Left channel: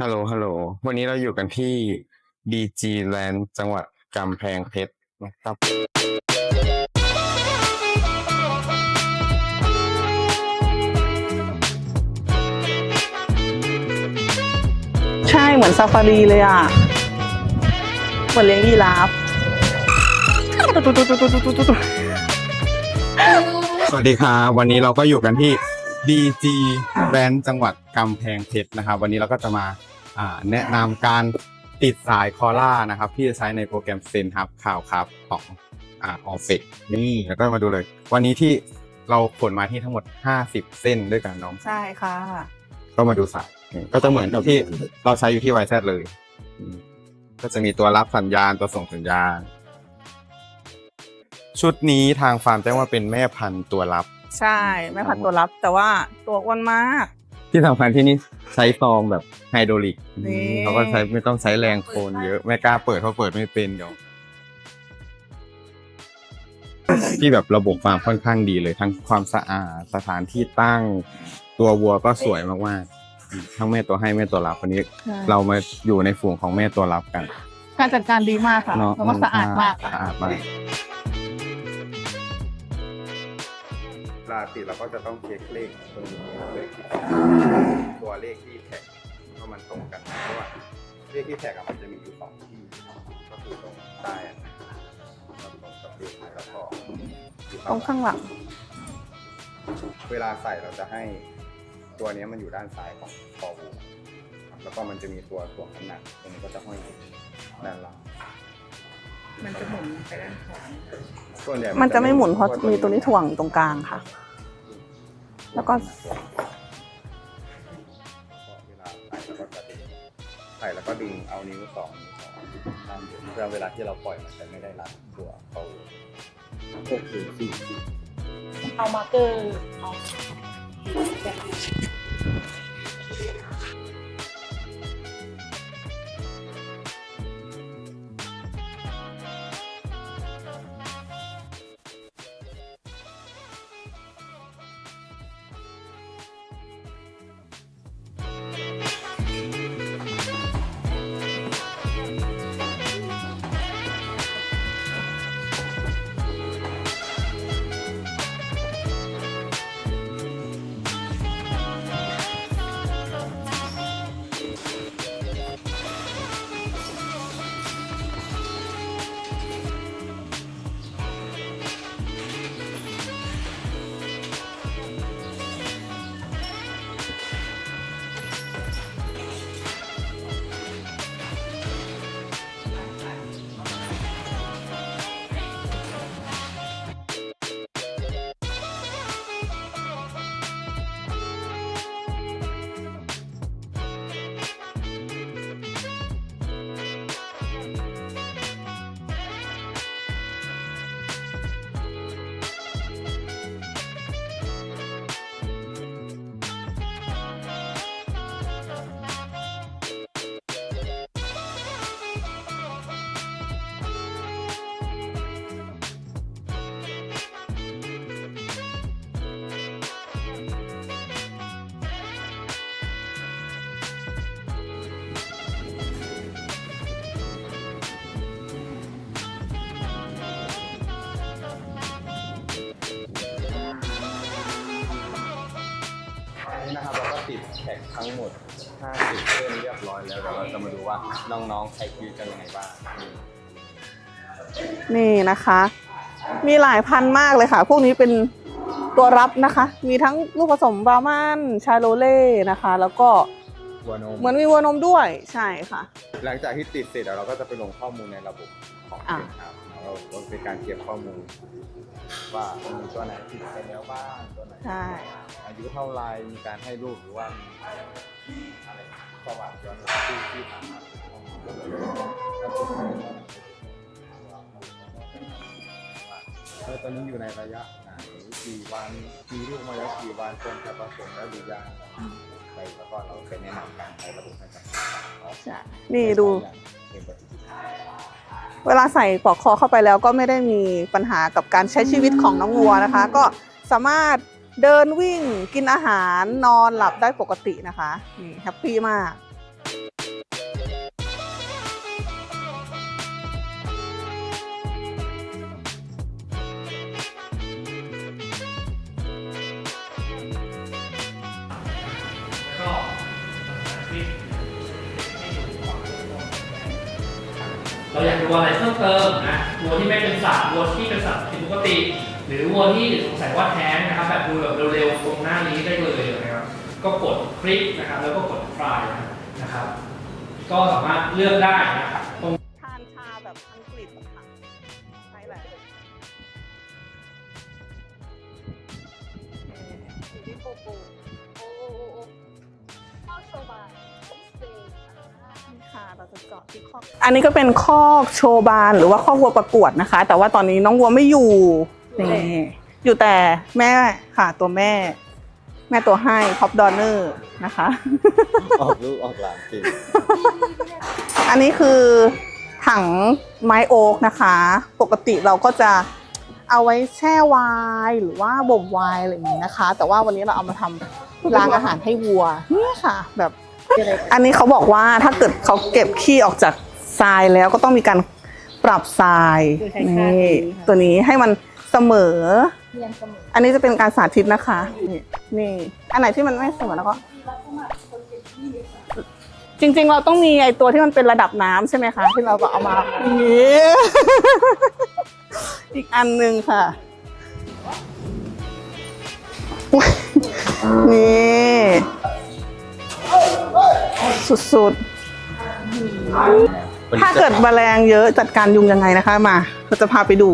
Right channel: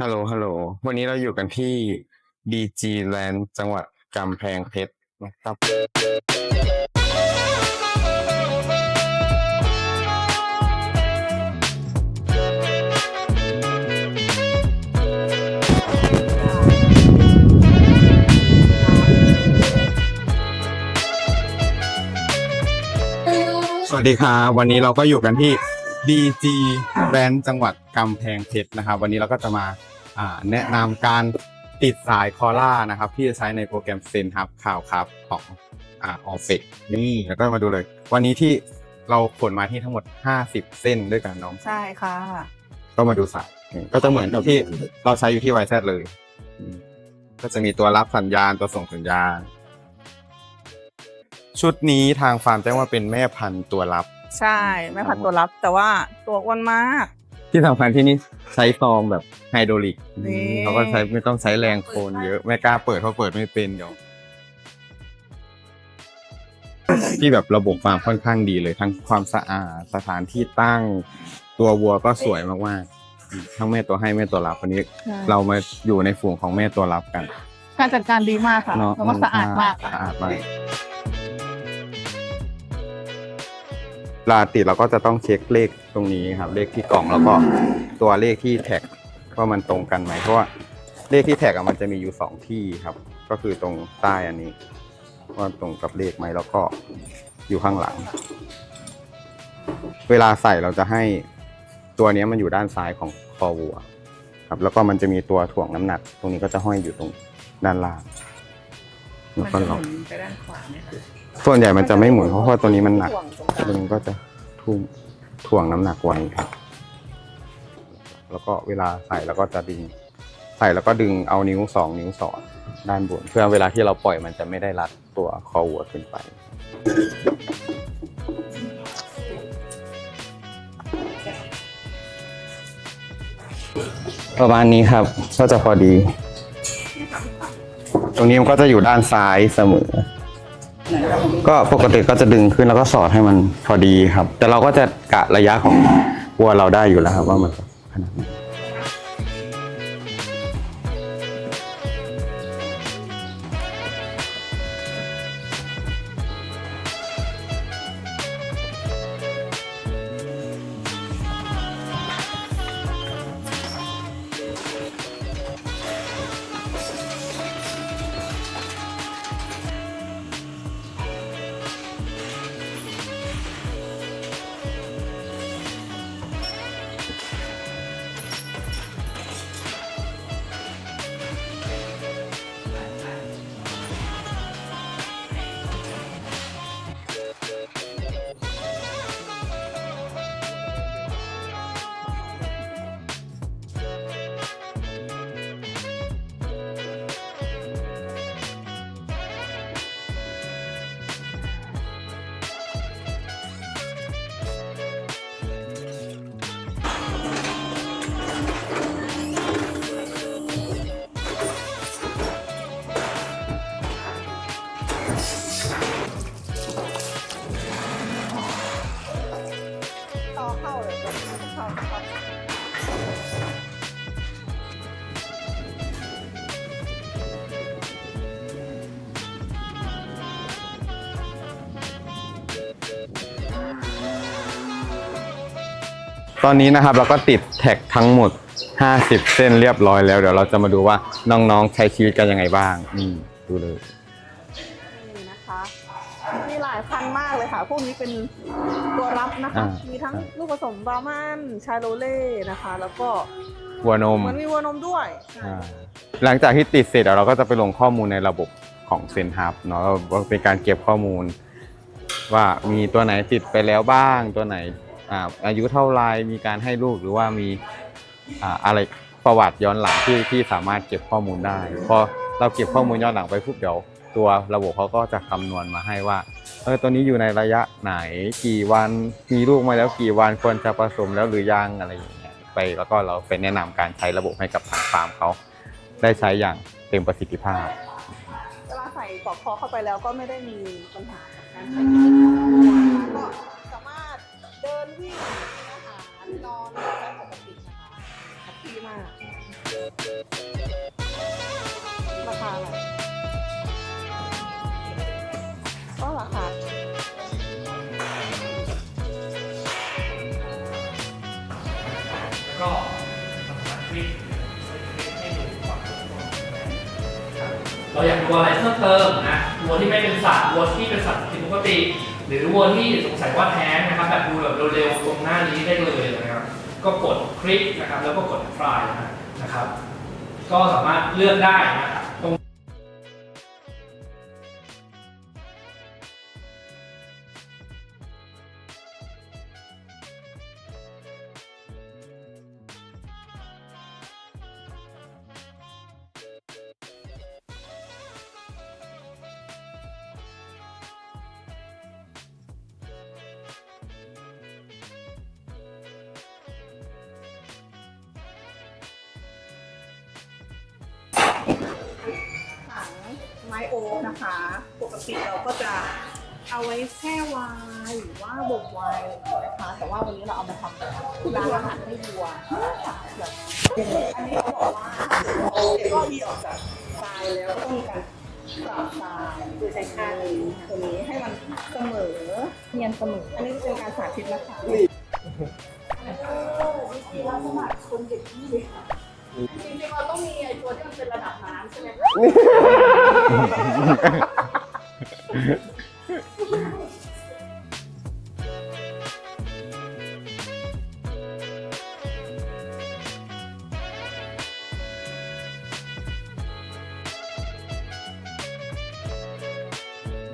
ฮัลโหล ฮัลโหล วันนี้เราอยู่กันที่ DG Land จังหวัดกำแพงเพชรนะครับ ใช่เหมือนซาฟารีเลยอะ เหมือนเลี้ยงยีราฟสวัสดีครับวันนี้เราก็อยู่กันที่ DG Land จังหวัดกำแพงเพชรนะครับ วันนี้เราก็จะมาอ่าแนะนำการติดสายคอล่านะครับ ที่จะใช้ในโปรแกรมเซนครับข่าวครับของอ่าออฟเฟกนี่แล้วก็มาดูเลย วันนี้ที่เราขนมาที่ทั้งหมด 50 เส้นด้วยกันน้อง ใช่ค่ะ ก็มาดูสายนี่ก็จะเหมือนกับที่เราใช้อยู่ที่ YZ เลยอืมก็จะมีตัวรับสัญญาณตัวส่งสัญญาณ ชุดนี้ทางฟาร์มแจ้งว่าเป็นแม่พันธุ์ตัวรับ ใช่แม่พันธุ์ตัวรับ แต่ว่าตัวอ้วนมาก ที่สำคัญที่นี่ใช้ซองแบบไฮโดรลิกนี่อืมเขาก็ใช้ไม่ต้องใช้แรงโคนเยอะไม่กล้าเปิดเพราะเปิดไม่เป็นเดี๋ยวที่แบบระบบฟาร์มค่อนข้างดีเลยทั้งความสะอาดสถานที่ตั้ง ตัววัวก็สวยมากๆอืมทั้งแม่ตัวให้แม่ตัวรับวันนี้เรามาอยู่ในฝูงของแม่ตัวรับกัน การจัดการดีมากค่ะเนาะแล้วก็สะอาดมาก สะอาดมาก เวลาติดเราก็จะต้องเช็คเลขตรงนี้ครับ เลขที่กล่องแล้วก็ตัวเลขที่แท็กว่ามันตรงกันไหมเพราะว่าเลขที่แท็กอะมันจะมีอยู่สองที่ครับ ก็คือตรงใต้อันนี้ว่าตรงกับเลขไหมแล้วก็อยู่ข้างหลัง ข้างหลังเวลาใส่เราจะให้ตัวเนี้ยมันอยู่ด้านซ้ายของคอวัว ครับ แล้วก็มันจะมีตัวถ่วงน้ำหนัก ตรงนี้ก็จะห้อยอยู่ตรงด้านล่างแล้วก็ล็อก ส่วนใหญ่มันจะไม่หมุนเพราะว่าตัวนี้มันหนักถ่วงตรงกลางตัวนี้ก็จะทุ่งถ่วงน้ำหนักไว้ครับแล้วก็เวลาใส่แล้วก็จะดึง ใส่แล้วก็ดึงเอานิ้วสองนิ้วสอดด้านบน เพื่อเวลาที่เราปล่อยมันจะไม่ได้รัดตัวคอวัวขึ้นไป เอามาเกอร์ประมาณนี้ครับก็จะพอดี ตรงนี้มันก็จะอยู่ด้านซ้ายเสมอ ก็ปกติก็จะดึงขึ้นแล้วก็สอดให้มันพอดีครับ แต่เราก็จะกะระยะของวัวเราได้อยู่แล้วครับว่ามันขนาดไหน ตอนนี้นะครับเราก็ติดแท็กทั้งหมด 50 เส้นเรียบร้อยแล้ว เดี๋ยวเราจะมาดูว่าน้องๆใช้ชีวิตกันยังไงบ้างนี่ดูเลย นี่นะคะ มีหลายพันธุ์มากเลยค่ะ พวกนี้เป็นตัวรับนะคะอ่ามีมีทั้งลูกผสมบราหมันชาโลเล่นะคะ แล้วก็วัวนม เหมือนมีวัวนมด้วยใช่ค่ะ หลังจากที่ติดเสร็จแล้วเราก็จะไปลงข้อมูลในระบบของอ่าเซนฮับเนาะว่าเป็นการเก็บข้อมูล ว่ามีตัวไหนติดไปแล้วบ้างตัวไหนใช่ อ่าอายุเท่าไรมีการให้ลูกหรือว่ามีอ่าอะไรประวัติย้อนหลังที่ที่สามารถเก็บข้อมูลได้พอเราเก็บข้อมูลย้อนหลังไปปุ๊บเดี๋ยวตัวระบบเขาก็จะคำนวณมาให้ว่าเออตัวนี้อยู่ในระยะไหนกี่วันมีลูกมาแล้วกี่วันควรจะผสมแล้วหรือยังอะไรอย่างเงี้ยไปแล้วก็เราไปแนะนำการใช้ระบบให้กับทางฟาร์มเขานี่ได้ดูใช้อย่างเต็มประสิทธิภาพ เวลาใส่ปลอกคอเข้าไปแล้วก็ไม่ได้มีปัญหากับการใช้ชีวิตของน้องวัวนะคะ ก็สามารถเดินวิ่งกินอาหารนอนหลับได้ปกตินะคะแฮปปี้มาก เราอยากดูอะไรเพิ่มเติมนะวัวที่ไม่เป็นสัตว์วัวที่เป็นสัตว์ผิดปกติ หรือวัวที่สงสัยว่าแท้งนะครับแบบดูแบบเร็วๆตรงหน้านี้ได้เลยนะครับก็กดคลิกนะครับแล้วก็กดคลายนะครับ ก็สามารถเลือกได้นะครับ ออันนี้ก็เป็นข้อโชว์บานหรือว่าข้อวัวประกวดนะคะ แต่ว่าตอนนี้น้องวัวไม่อยู่นี่อยู่แต่แม่ค่ะตัวแม่ แม่ตัวให้ท็อปดอนเนอร์นะคะ ออกลูกออกหลานจริงอันนี้คือถังไม้โอ๊กนะคะ ปกติเราก็จะเอาไว้แช่ไวน์หรือว่าบ่มไวน์อะไรอย่างนี้นะคะ แต่ว่าวันนี้เราเอามาทำล้างอาหารให้วัวนี่ค่ะ แบบ อันนี้เขาบอกว่าถ้าเกิดเขาเก็บขี้ออกจาก ทรายแล้วก็ต้องมีการปรับทรายนี่ตัวนี้ให้มันเสมอเรียนเสมออันนี้จะเป็นการสาธิตนะคะ นี่ อันไหนที่มันไม่เสมอแล้วก็ จริงๆ เราต้องมีไอตัวที่มันเป็นระดับน้ำใช่ไหมคะที่เราบอกนี่อีกอันหนึ่งค่ะ นี่ สุดๆ ถ้าเกิดแมลงเยอะจัดการยุงยังไงนะคะมาเราจะพาไปดู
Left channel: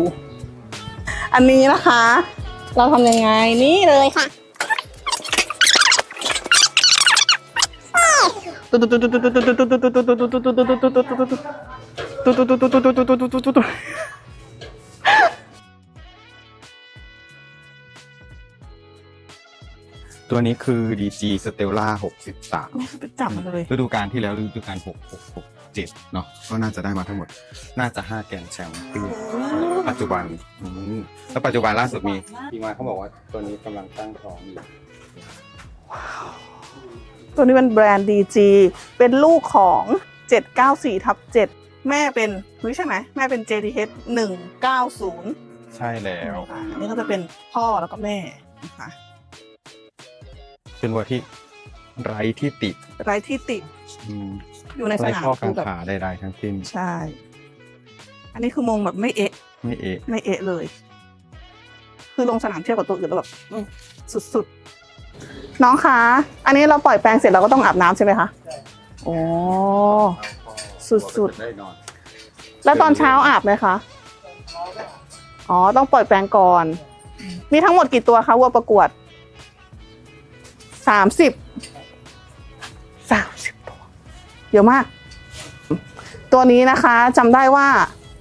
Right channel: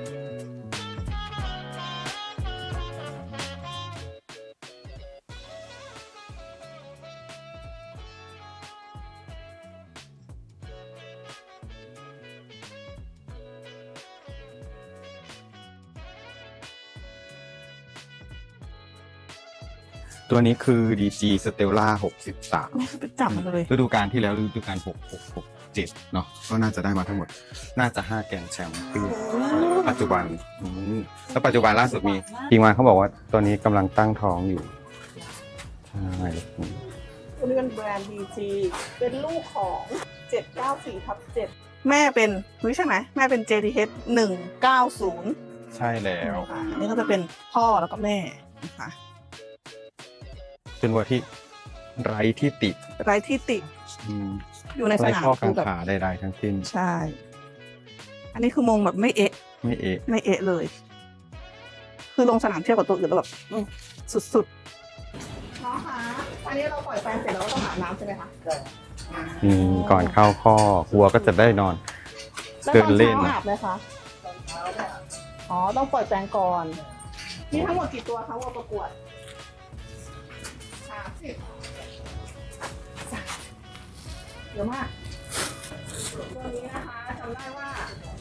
อันนี้นะคะ เราทำยังไงนี่เลยค่ะ ตัวนี้คือ DG Stella 63 ไปจับมันเลย ฤดูกาลที่แล้วฤดูกาล6 6 6 7เนาะก็น่าจะได้มาทั้งหมด น่าจะ 5 แกรนด์แชมป์ปีปัจจุบันอืมแล้วปัจจุบันล่าสุดมีทีมงานเขาบอกว่าตัวนี้กำลังตั้งท้องอยู่ใช่ตัวนี้เป็นแบรนด์ DG เป็นลูกของ 794ทับ7แม่เป็นรู้ใช่ไหม แม่เป็น JTH 190ใช่แล้วอ่าอันนี้ก็จะเป็นพ่อแล้วก็แม่นะคะ เป็นวัวที่ไร้ที่ติไร้ที่ติอืมอยู่ในสไร้นามข้อกัคืงอแบบขาใดๆทั้งสิ้นใช่ อันนี้คือมงแบบไม่เอะ ไม่เอะ ไม่เอะเลย คือลงสนามเทียบกับตัวอื่นแล้วแบบอืมสุดๆ น้องคะ อันนี้เราปล่อยแปลงเสร็จเราก็ต้องอาบน้ำใช่ไหมคะโอ้ อืมก่อนเข้าข้อสุดๆ วัวก็จะได้นอน แล้วตอนเช้าเดินเล่นอาบไหมคะ อ๋อ ต้องปล่อยแปลงก่อน มีทั้งหมดกี่ตัวคะวัวประกวด สามสิบสามสิบตัวเยอะมาก ตัวนี้นะคะจำได้ว่า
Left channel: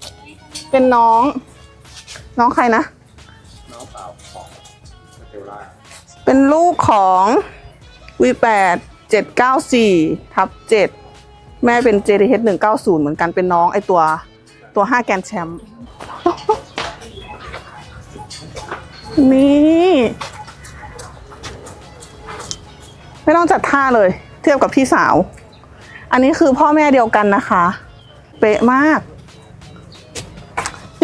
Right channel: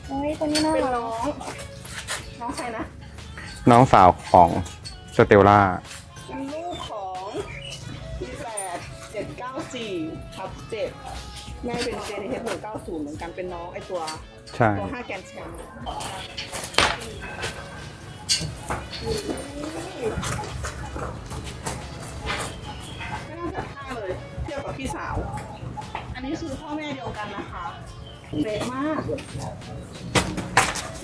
เฮ้ยตัวนี้น่าเป็นน้อง น้องใครนะ น้องสาวของสเตลล่า เป็นลูกของ V8 794ทับ7แม่เป็น JDH 190 เหมือนกันเป็นน้องไอตัวใช่ตัว 5 แกรนด์แชมป์ นี่ ไม่ต้องจัดท่าเลย เทียบกับพี่สาว อันนี้คือพ่อแม่เดียวกันนะคะ เป๊ะมาก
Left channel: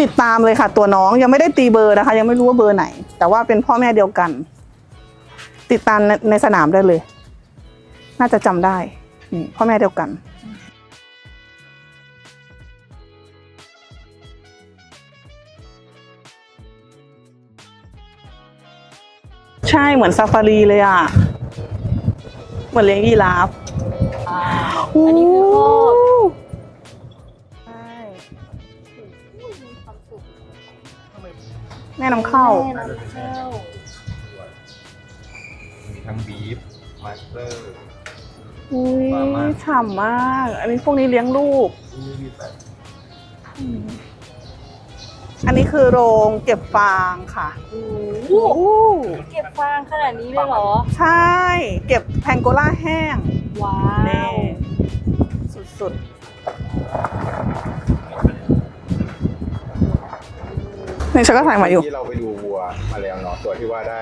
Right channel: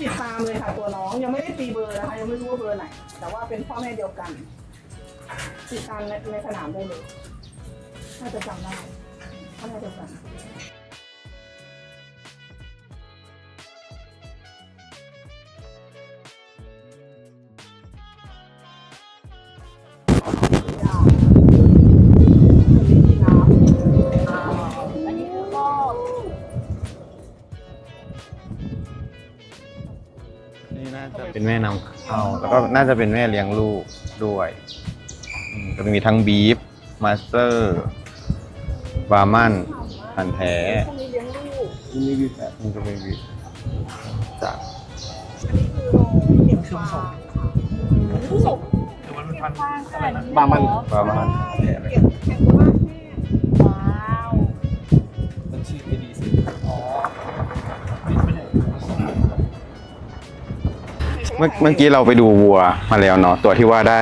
ติดตามเลยค่ะ ตัวน้องยังไม่ได้ตีเบอร์นะคะ ยังไม่รู้ว่าเบอร์ไหน แต่ว่าเป็นพ่อแม่เดียวกัน ติดตามในในสนามได้เลย น่าจะจำได้พ่อแม่เดียวกันใช่เหมือนซาฟารีเลยอะ เหมือนเลี้ยงยีราฟอันนี้คือพ่อใช่นี่น่าจะเป็นแม่นำแม่นำเข้าก็น่าจะเป็นแม่เลี้ยงลูกด้วยอืมก็จะมีทั้งบีฟมาสเตอร์ อุ๊ยบาร์มันฉ่ำมาพันกแท้อันนี้พวกนี้เลี้ยงลูก นี่ไม่บีแบบนี่ก็ไม่บีจ้ะ อันนี้คือโรงเก็บฟางค่ะโอ้โหเก็บฟางขนาดนี้เลยเหรอ ใช่ เก็บแพงโกล่าแห้ง ว้านี่วสุดๆนี่ฉันก็ถ่ายมาอเมื่ยู่ อกี้เราไปดูวัวมาแล้วเนาะตัวที่ว่าได้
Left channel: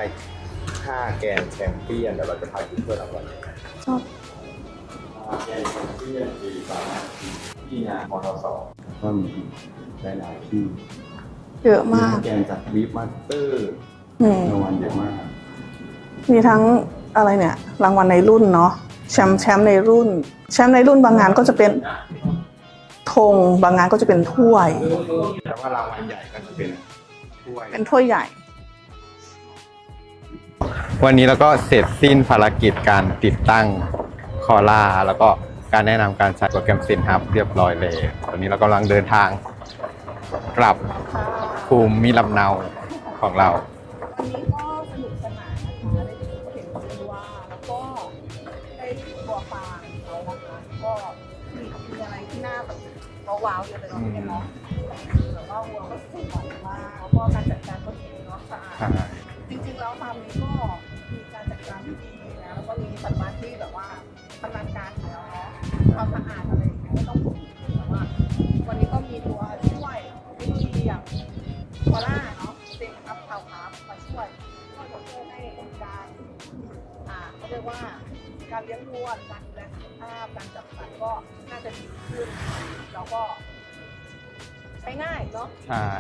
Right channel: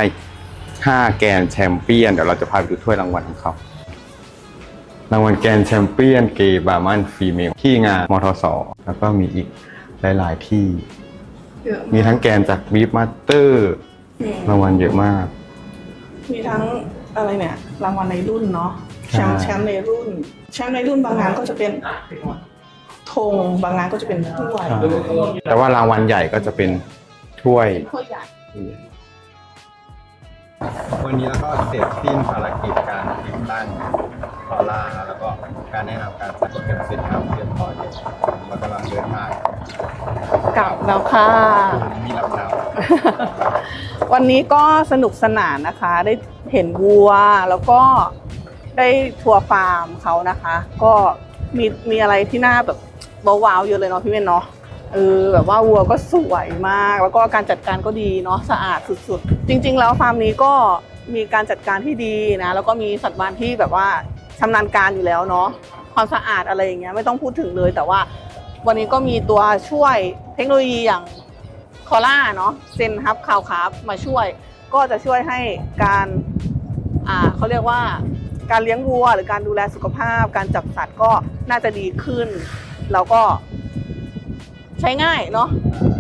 5 แกรนด์แชมเปี้ยนเดี๋ยวเราจะพาไปดูถ้วยรางวัลของเขารางวัลแกรนด์แชมเปี้ยนเกย์บาร์มันฟีเมลที่งานมทสแล้วก็มีอีกหลาย ๆ ที่ เยอะมีมากทั้งแกรนด์จากบีฟมาสเตอร์อืมรางวัลเยอะมาก มีทั้งอะไรเนี่ย รางวัลในรุ่นเนาะแชมป์ใช่ แชมป์ในรุ่น แชมป์ในรุ่นบางงานก็จะเป็นธงบางงานก็จะเป็นถ้วย แต่ว่ารางวัลใหญ่ก็จะเป็นถ้วย เป็นถ้วยใหญ่ วันนี้เราก็เสร็จสิ้นภารกิจการติดตั้งคอล่าแล้วก็ การแนะนำการใส่โปรแกรมซินครับเรียบร้อยเลยวันนี้เรากำลังเดินทางกลับแล้วค่ะ ภูมิลำเนาของเรา วันนี้ก็สนุกสนานนะคะ ได้เห็นวัวแล้วก็ได้ทัวร์ฟาร์มเขานะคะ ก็มีมีอะไรที่น่าแบบว้าวๆเยอะเลยเนาะพี่เมนเนาะเออแบบว่าวัวก็สวยมาก แล้วก็การจัดการก็ดีเนาะสะอาดสุดๆ จริงๆ แล้วฟาร์มนี้ก็มีการจัดการที่ดีนะ แล้วก็มีสัตว์บ้านที่แบบว่า ชำนาญการอยู่แล้วเนาะความสะอาดอะไรอย่างเงี้ยไม่ต้องพูดถึงเลย แต่ว่าวันนี้ก็มีตัวช่วยเทคโนโลยีอย่างคอล่าเนาะเซนฮับคาวคาร์บมาช่วย ก็จะช่วยให้การอ่าเขาเรียกว่าการเลี้ยงวัวหรือการดูแลสุขภาพ การจับสัตว์ก็น่าจะดีขึ้น แล้วก็ ใช้ง่ายเนาะ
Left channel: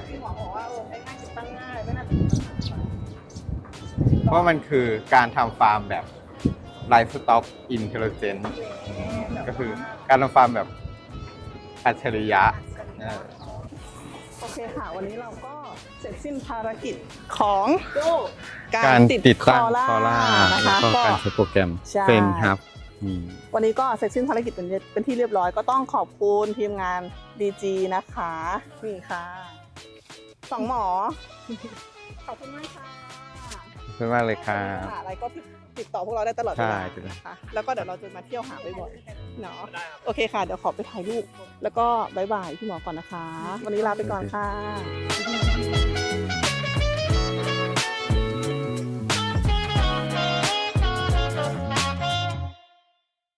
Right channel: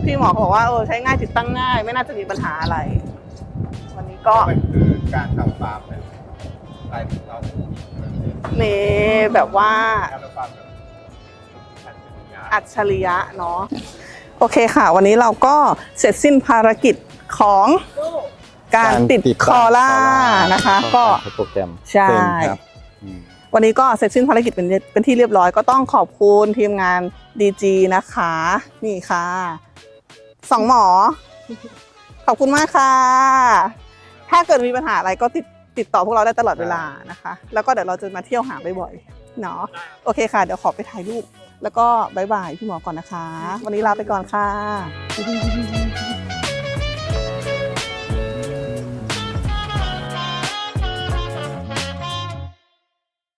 พี่หมอเขาบอกว่าเออใช้ง่ายติดตั้งง่าย ไม่น่าจะมีปัญหาอะไรวันนี้ก็ ก็มันคือการทำฟาร์มแบบ ไลฟ์สต็อกอินเทลเจนเนแบบว่า การทำฟาร์มแบบอัจฉริยะ อัจฉริยะเนาะโอเคค่ะ วันนี้เราก็เสร็จสิ้นภารกิจของการติดคอล่านะคะแล้วก็การใช้โปรแกรมใช่เซนครับอืมวันนี้ก็เสร็จสิ้นภารกิจเป็นเป็นที่เรียบร้อยก็ต้องขอบคุณทีมงาน DG นะคะ นี่ค่ะสองหมอ ขอบคุณมากค่ะขอบคุณมากเลยถ้าเกิดครับมีปัญหาอะไรก็ติด ติดต่อพวกเราได้ตลอดเวลาใช่นะคะ แล้วก็เดี๋ยวเราจะมาเที่ยวหาบ่อยๆเนาะโอเคค่ะ เดี๋ยวขอไปถ่ายรูปแล้วก็บายบายพี่หมอก่อนนะคะ วันนี้ลาไปก่อนค่ะ